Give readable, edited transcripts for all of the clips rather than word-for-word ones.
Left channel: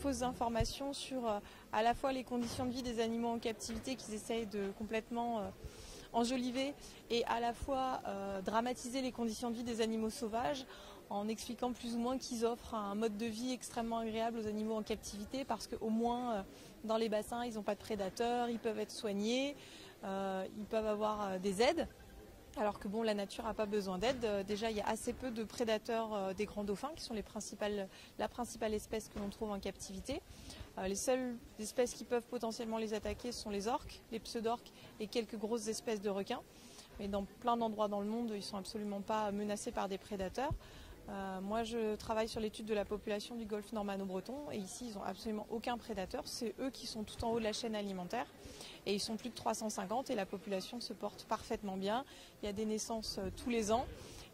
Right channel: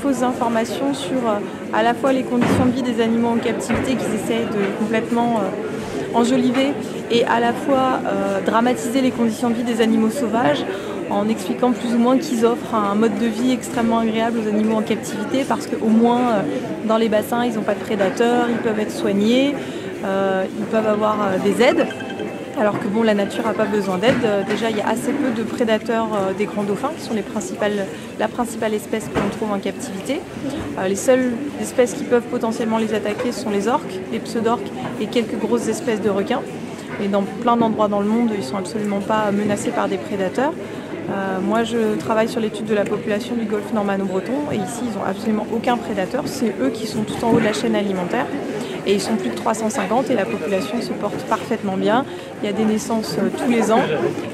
fausses informations sur à la fois les conditions de vie des animaux en captivité qu'ils essayent de complètement enjoliver et à la fois dramatiser les conditions de vie des animaux sauvages en expliquant plus ou moins qu'ils offrent un mode de vie extrêmement agréable aux animaux en captivité parce qu'au moins dans les bassins ils n'ont pas de prédateurs, ils peuvent être soignés, ils peuvent avoir des aides. Alors que bon, la nature n'a pas besoin d'aide. Déjà, il y a assez peu de prédateurs des grands dauphins, qui sont la principale espèce que l'on trouve en captivité. Les seules espèces qui peuvent potentiellement les attaquer sont les orques, les pseudorques et quelques grosses espèces de requins. Mais dans plein d'endroits dans le monde, ils ne sont absolument pas menacés par des prédateurs. Moi, je travaille sur l'étude de la population du golfe normanno-breton et ici, ils n'ont absolument aucun prédateur. C'est eux qui sont tout en haut de la chaîne alimentaire. Et ils sont plus de 350 et la population se porte parfaitement bien. Il y a des naissances tous les ans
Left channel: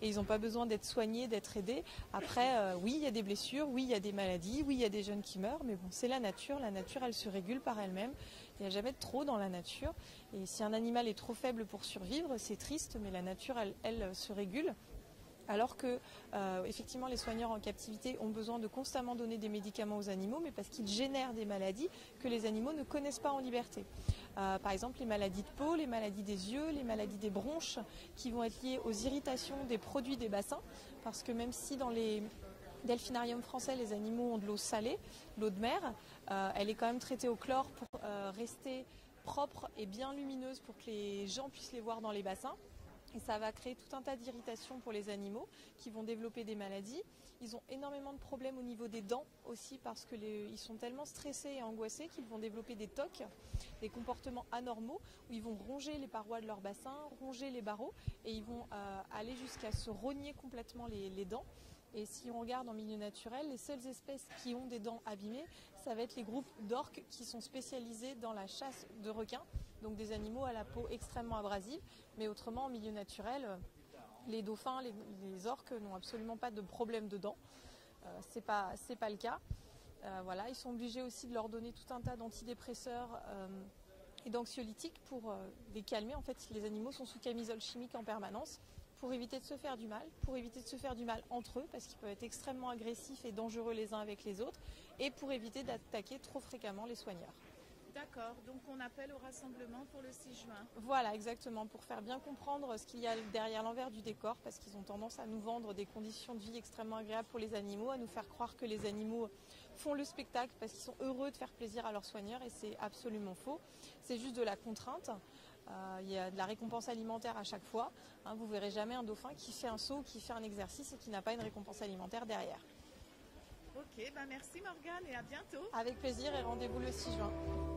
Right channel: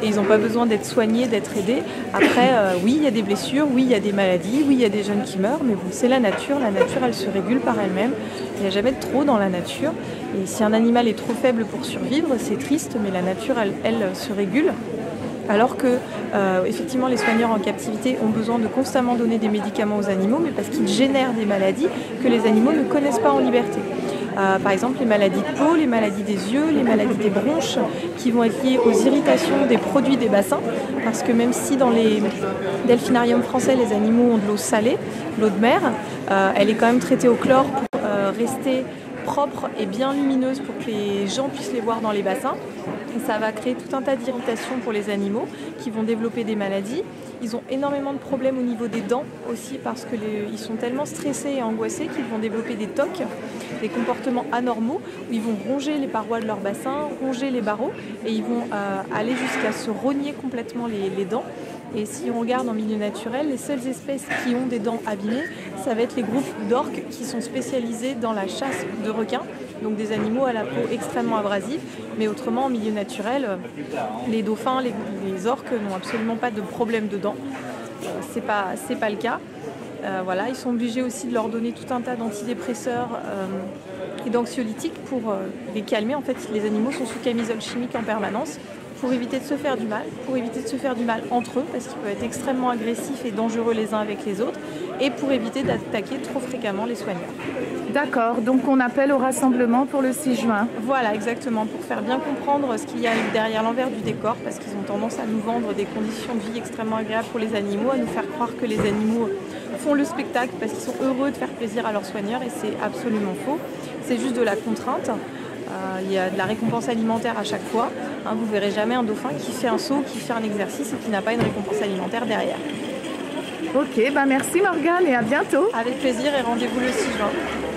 et ils n'ont pas besoin d'être soignés, d'être aidés. Après, oui, il y a des blessures, oui, il y a des maladies, oui, il y a des jeunes qui meurent, mais bon, c'est la nature. La nature, elle se régule par elle-même. Il n'y a jamais de trop dans la nature. Et si un animal est trop faible pour survivre, c'est triste, mais la nature, elle se régule. Alors que, effectivement, les soigneurs en captivité ont besoin de constamment donner des médicaments aux animaux, mais parce qu'ils génèrent des maladies que les animaux ne connaissent pas en liberté. Par exemple, les maladies de peau, les maladies des yeux, les maladies des bronches, qui vont être liées aux irritations des produits des bassins, parce que même si dans les delphinariums français, les animaux ont de l'eau salée, l'eau de mer, elle est quand même traitée au chlore pour rester propre et bien lumineuse pour que les gens puissent les voir dans les bassins. Et ça va créer tout un tas d'irritations pour les animaux qui vont développer des maladies. Ils ont énormément de problèmes au niveau des dents aussi parce qu'ils sont tellement stressés et angoissés qu'ils vont développer des tocs, des comportements anormaux où ils vont ronger les parois de leur bassin, ronger les barreaux et ils vont aller jusqu'à se rogner complètement les dents. Et si on regarde en milieu naturel, les seules espèces qui ont des dents abîmées, ça va être les groupes d'orques qui sont spécialisés dans la chasse de requins, donc des animaux à la peau extrêmement abrasive. Mais autrement, en milieu naturel, les dauphins, les orques n'ont absolument pas de problème de dents. C'est pas le cas. Voilà, ils sont obligés aussi de leur donner tout un tas d'antidépresseurs et d'anxiolytiques pour les calmer. En fait, les animaux sont sous camisole chimique en permanence pour éviter de se faire du mal, pour éviter de se faire du mal entre eux, parce qu'ils peuvent être extrêmement agressifs et dangereux les uns avec les autres, et pour éviter d'attaquer trop fréquemment les soigneurs. D'accord, donc on appelle au rassemblement pour le 6 juin. Voilà, exactement, pour faire bien comprendre ce qu'il y a derrière l'envers du décor, parce qu'ils ont tendance à nous vendre des conditions de vie extrêmement agréables pour les animaux, à nous faire croire que les animaux font le spectacle parce qu'ils sont heureux de faire plaisir à leurs soigneurs, et c'est absolument faux. C'est juste de la contrainte. Il y a de la récompense alimentaire à chaque fois. Vous ne verrez jamais un dauphin qui fait un saut, qui fait un exercice et qui n'a pas une récompense alimentaire derrière. Ok, merci Morgane et à bientôt. Avec plaisir et rendez-vous le 6 juin.